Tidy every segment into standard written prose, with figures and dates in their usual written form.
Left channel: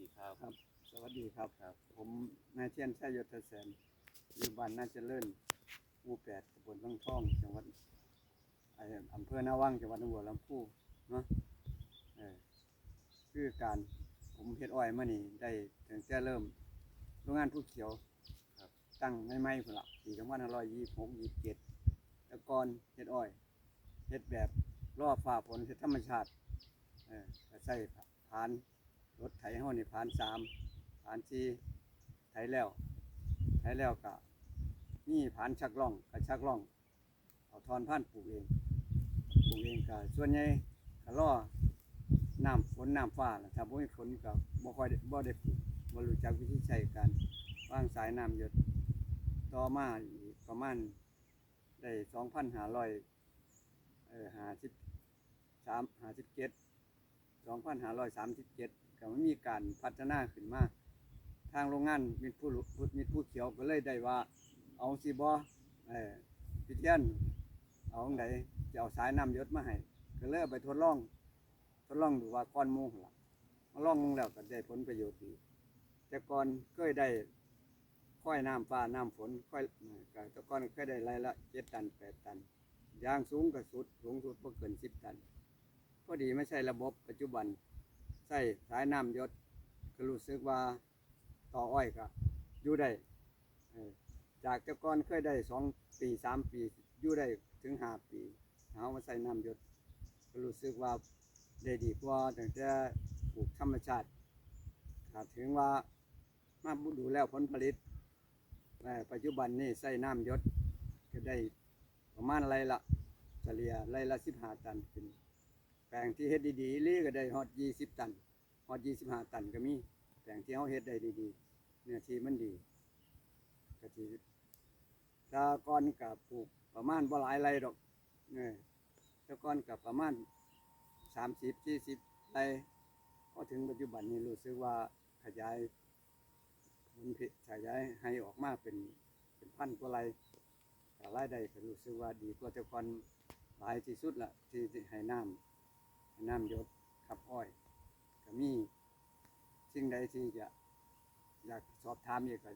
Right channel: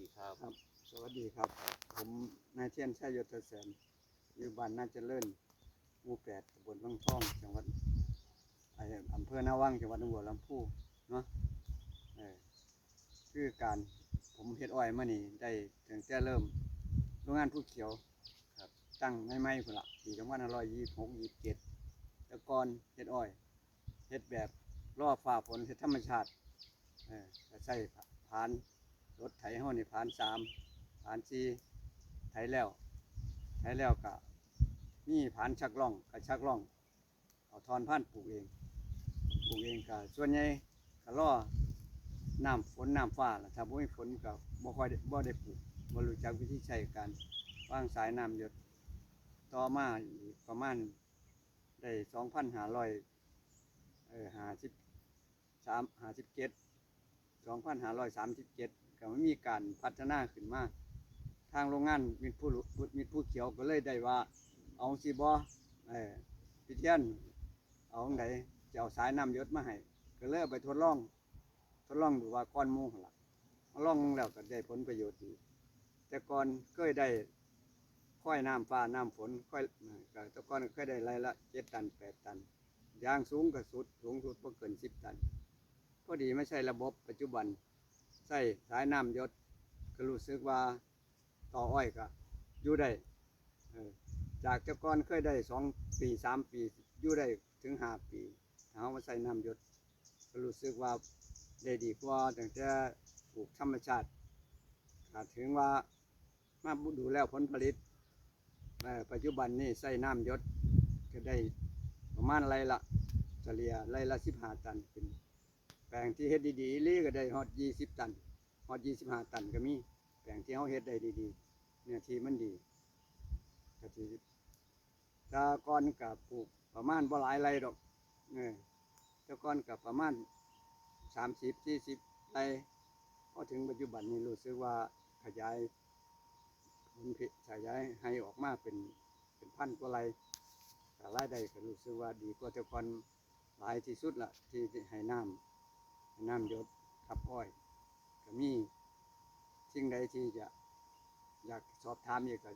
ดีครับครับสวัสดีครับผมนายเทียนชัยยศแสนอยู่บ้านนาเจริญหมู่ 8ตำบลบางท่องจังหวัดอำเภอนาวังจังหวัดหนองบัวลำพูเนาะคือการผมเฮ็ดอ้อยมานี่ได้ตั้งแต่เริ่มโรงงานผู้เขียวครับตั้งใหม่ๆพุ่นล่ะปี2526 27แต่ก่อนเฮ็ดอ้อยเฮ็ดแบบรอฟ้าฝนเฮ็ดธรรมชาติก็ใช้ผานรถไถเฮานี่ผาน3ผาน4ไถแล้วก็มีผานชักล่องก็ชักล่องเอาทอนพันธุ์ปลูกเองก็ส่วนใหญ่ก็รอน้ำฝนน้ำฟ้าล่ะถ้าบ่มีฝนก็บ่ค่อยบ่ได้ปลูกบ่รู้จักวิธีใช้การวางสายน้ำหยดต่อมาอีกประมาณได้2537ก็มีการพัฒนาขึ้นมาทางโรงงานมิตรผู้เขียวก็เลยได้ว่าเอาสิบ่พิเทียนเอาจั่งใดจะเอาสายน้ำหยดมาให้ก็เลยเอาไปทดลองดูว่าก้อนหมู่หั่นล่ะมาลองแล้วก็ได้ผลประโยชน์ดีแต่ก่อนเคยได้ค่อยน้ำฟ้าน้ำฝนค่อยก็แต่ก่อนเคยได้ไรละ7 ตัน 8 ตันอย่างสูงก็สูงสุดบ่เกิน10 ตันพอดีไม่ใช่ระบบปัจจุบันใช้สายน้ำหยดก็รู้สึกว่าต่ออ้อยก็อยู่ได้จากแต่ก่อนเคยได้2 ปี 3 ปีอยู่ได้ถึง5 ปีเอามาใส่น้ำหยดก็รู้สึกว่าได้ดีกว่าตั้งแต่ปลูกธรรมชาติถึงว่ามาดูแล้วผลผลิตปัจจุบันนี้ใส่น้ำหยดก็ได้ประมาณไรละเฉลี่ยไรละ15 ตันขึ้นแปลงที่เฮ็ดดีๆลี่ก็ได้ฮอด20 ตันฮอด25 ตันก็มีแปลงที่เขาเฮ็ดได้ดีๆเนี่ยที่มันดีก็ที่แต่ก่อนก็ปลูกประมาณบ่หลายไรดอกแต่ก่อนก็ประมาณ30-40 ไรพอถึงปัจจุบันนี้รู้สึกว่าขยายให้ออกมาเป็นพันกว่าไรแต่รายได้ก็รู้สึกว่าดีกว่าแต่ก่อนหลายที่สุดละที่ให้น้ำหยดขับอ้อยก็มีสิ่งใดที่จะอยากสอบถามอีกก็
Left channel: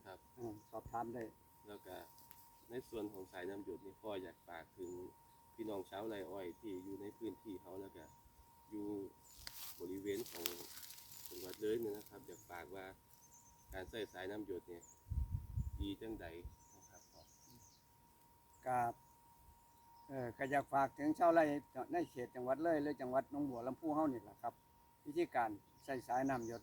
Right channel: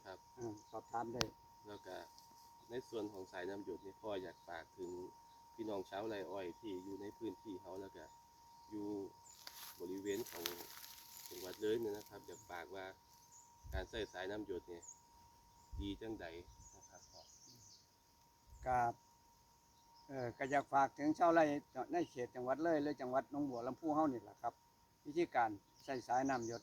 สอบถามได้แล้วก็ในส่วนของสายน้ำหยดนี่พ่ออยากฝากถึงพี่น้องชาวไร่อ้อยที่อยู่ในพื้นที่เขาแล้วก็อยู่บริเวณของจังหวัดเลยเนี่ยนะครับอยากฝากว่าการใส่สายน้ำหยดเนี่ยดีจังใดนะครับพ่อก็อยากฝากถึงชาวไร่ในเขตจังหวัดเลยหรือจังหวัดหนองบัวลำพูเฮานี่แหละครับวิธีการใส่สายน้ำหยด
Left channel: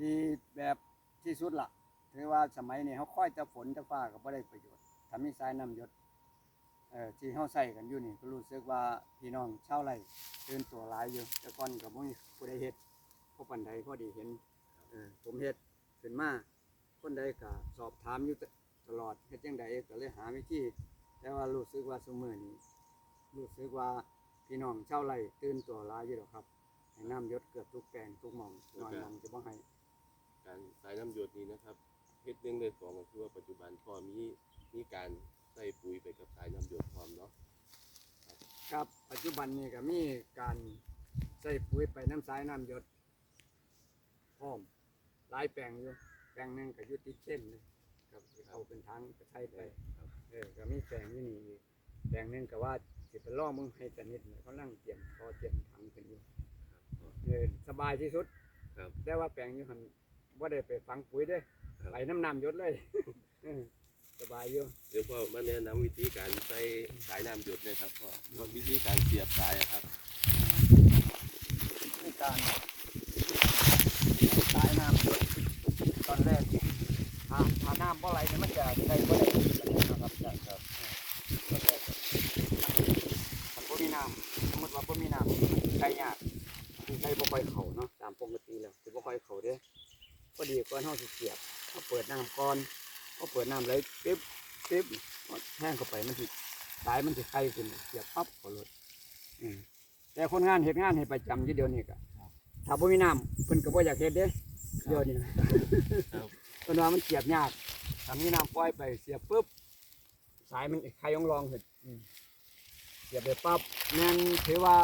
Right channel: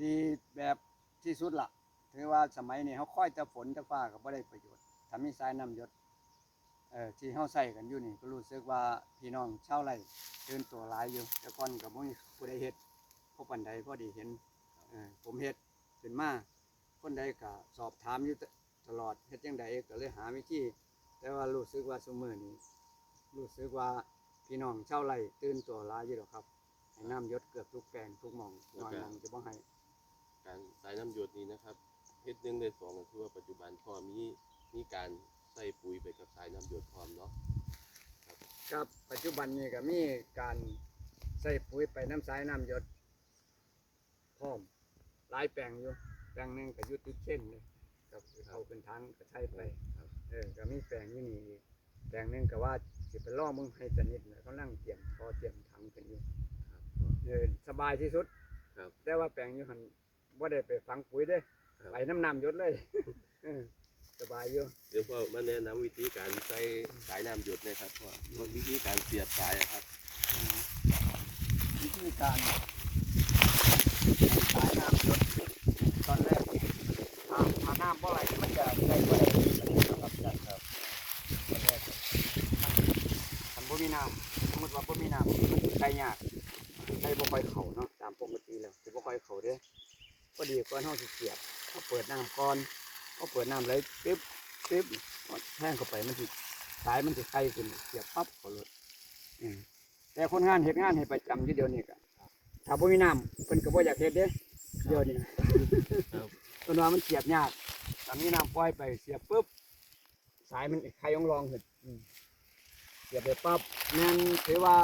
ดีแบบที่สุดละถือว่าสมัยนี้เขาค่อยแต่ฝนแต่ฟ้าก็บ่ได้ประโยชน์ถ้ามีสายน้ำหยดที่เขาใส่กันอยู่นี่ก็รู้สึกว่าพี่น้องชาวไร่ตื่นตัวหลายอยู่แต่ก่อนก็บ่มีผู้ใดเฮ็ดพอปานใดพอดีเห็นผมเฮ็ดขึ้นมาคนใดก็สอบถามอยู่ตลอดเฮ็ดจังใดก็เลยหาวิธีแต่ว่ารู้สึกว่าซุมื้อนี้รู้สึกว่าพี่น้องชาวไร่ตื่นตัวหลายอยู่ดอกครับให้น้ำหยดเกือบทุกแปลงทุกหม่องน้อยหม่องจะบ่ให้การสายน้ำหยดนี้นะครับเฮ็ด1ได้2ก็คือว่าปัจจุบันพ่อมีการใส่ปุ๋ยไปกับสายน้ำหยดพร้อมเนาะครับปัจจุบันนี้ก็มีการใส่ปุ๋ยไปน้ำสายน้ำหยดพร้อมหลายแปลงอยู่แปลงนึงก็อยู่ติดเส้นเลยกับเขาเป็นทางก็ใช้ไปก็มีแปลงอยู่นี่แปลงนึงก็ว่าสิไปล่อมึงให้สนิทเขานั่งเตรียมถังขึ้นอยู่สบายที่สุดแต่ว่าแปลงอยู่หันว่าได้ไปฝังปุ๋ยได้ไปน้ำหยดเลยสบายอยู่เดี๋ยวพ่อมาแนะนำวิธีการใส่สายน้ำหยดนะครับพ่อวิธีการเสียบสายครับวิธีการสายน้ำหยดตอนแรกถ้าน้ำบ่ไหลมันจะได้บ่ได้ครับมันบ่มีน้ำสมมติว่าบ่มีน้ำใช้ยากใช้บ่ค่อยเข่าเนาะตามปกติแล้วสิบ่ค่อยเข่าเด้พอดีก่อนเฮาสิเสียบเฮาเปิดน้ำก่อนเฮาเปิดน้ำไหลปิ๊บแห้งเข้าไปมันสิสายมันสิไข่ขึ้นเสียบปั๊บเข้ารถแต่คนงานเฮ็ดงานให้ประจำอยู่เดี๋ยวนี้ก็ถ้าบ่มีน้ำเพิ่นก็บ่อยากเฮ็ดเด้เดี๋ยวนี้เพิ่นว่ามันเสียบยากถ้ามีน้ำปล่อยไปเสียบปุ๊บสายมันไข่รองขึ้นเสียบไปปั๊บมันถือว่า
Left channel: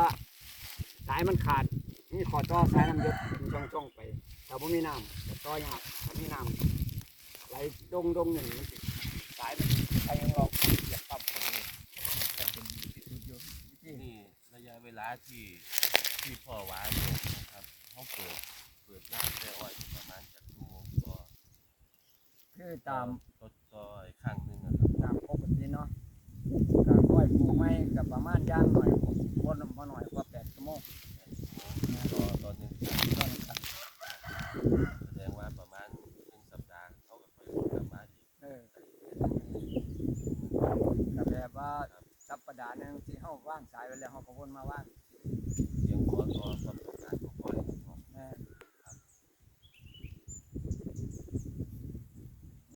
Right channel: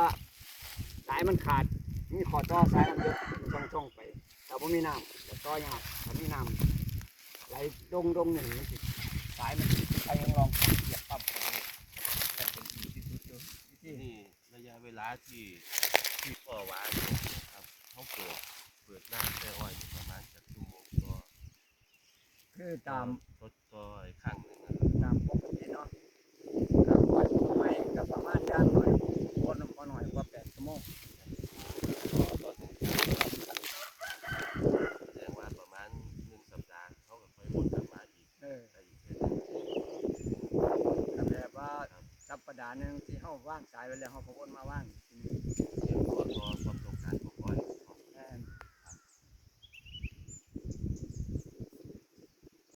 สายมันขาดนี่ขอต่อสายน้ำหยดมันต้องไปถ้า ถ้าบ่มีน้ำก็ต่อยากถ้ามีน้ำไหลดงหนึ่งมันสิสายมันใครยังลองเหยียบปั๊บแต่เป็นที่สุดอยู่วิธี นี่ระยะเวลาที่พ่อวางเนี่ยนะครับเขาเปิดน้ำแค่อ้อยอยู่ประมาณจากชั่วโมงก็ คือตาม ต่ออีกครั้งหนึงนะครับ ตามปกติเนาะการปล่อยไม้กับประมาณย่างหน่อยวนบ่หน่อยกว่า8 ชั่วโมง ต่อหนึ่งครั้งแสดงว่าประมาณ1 สัปดาห์เขาก็ค่อยวนกลับมาอีก เออ ใส่ ก็แบบว่าสัปดาห์หนึงที่เฮาว่างสายไว้แล้วเฮาก็วนมาว่างอีกทีหนึ่ง เลี้ยงตัวก็ประ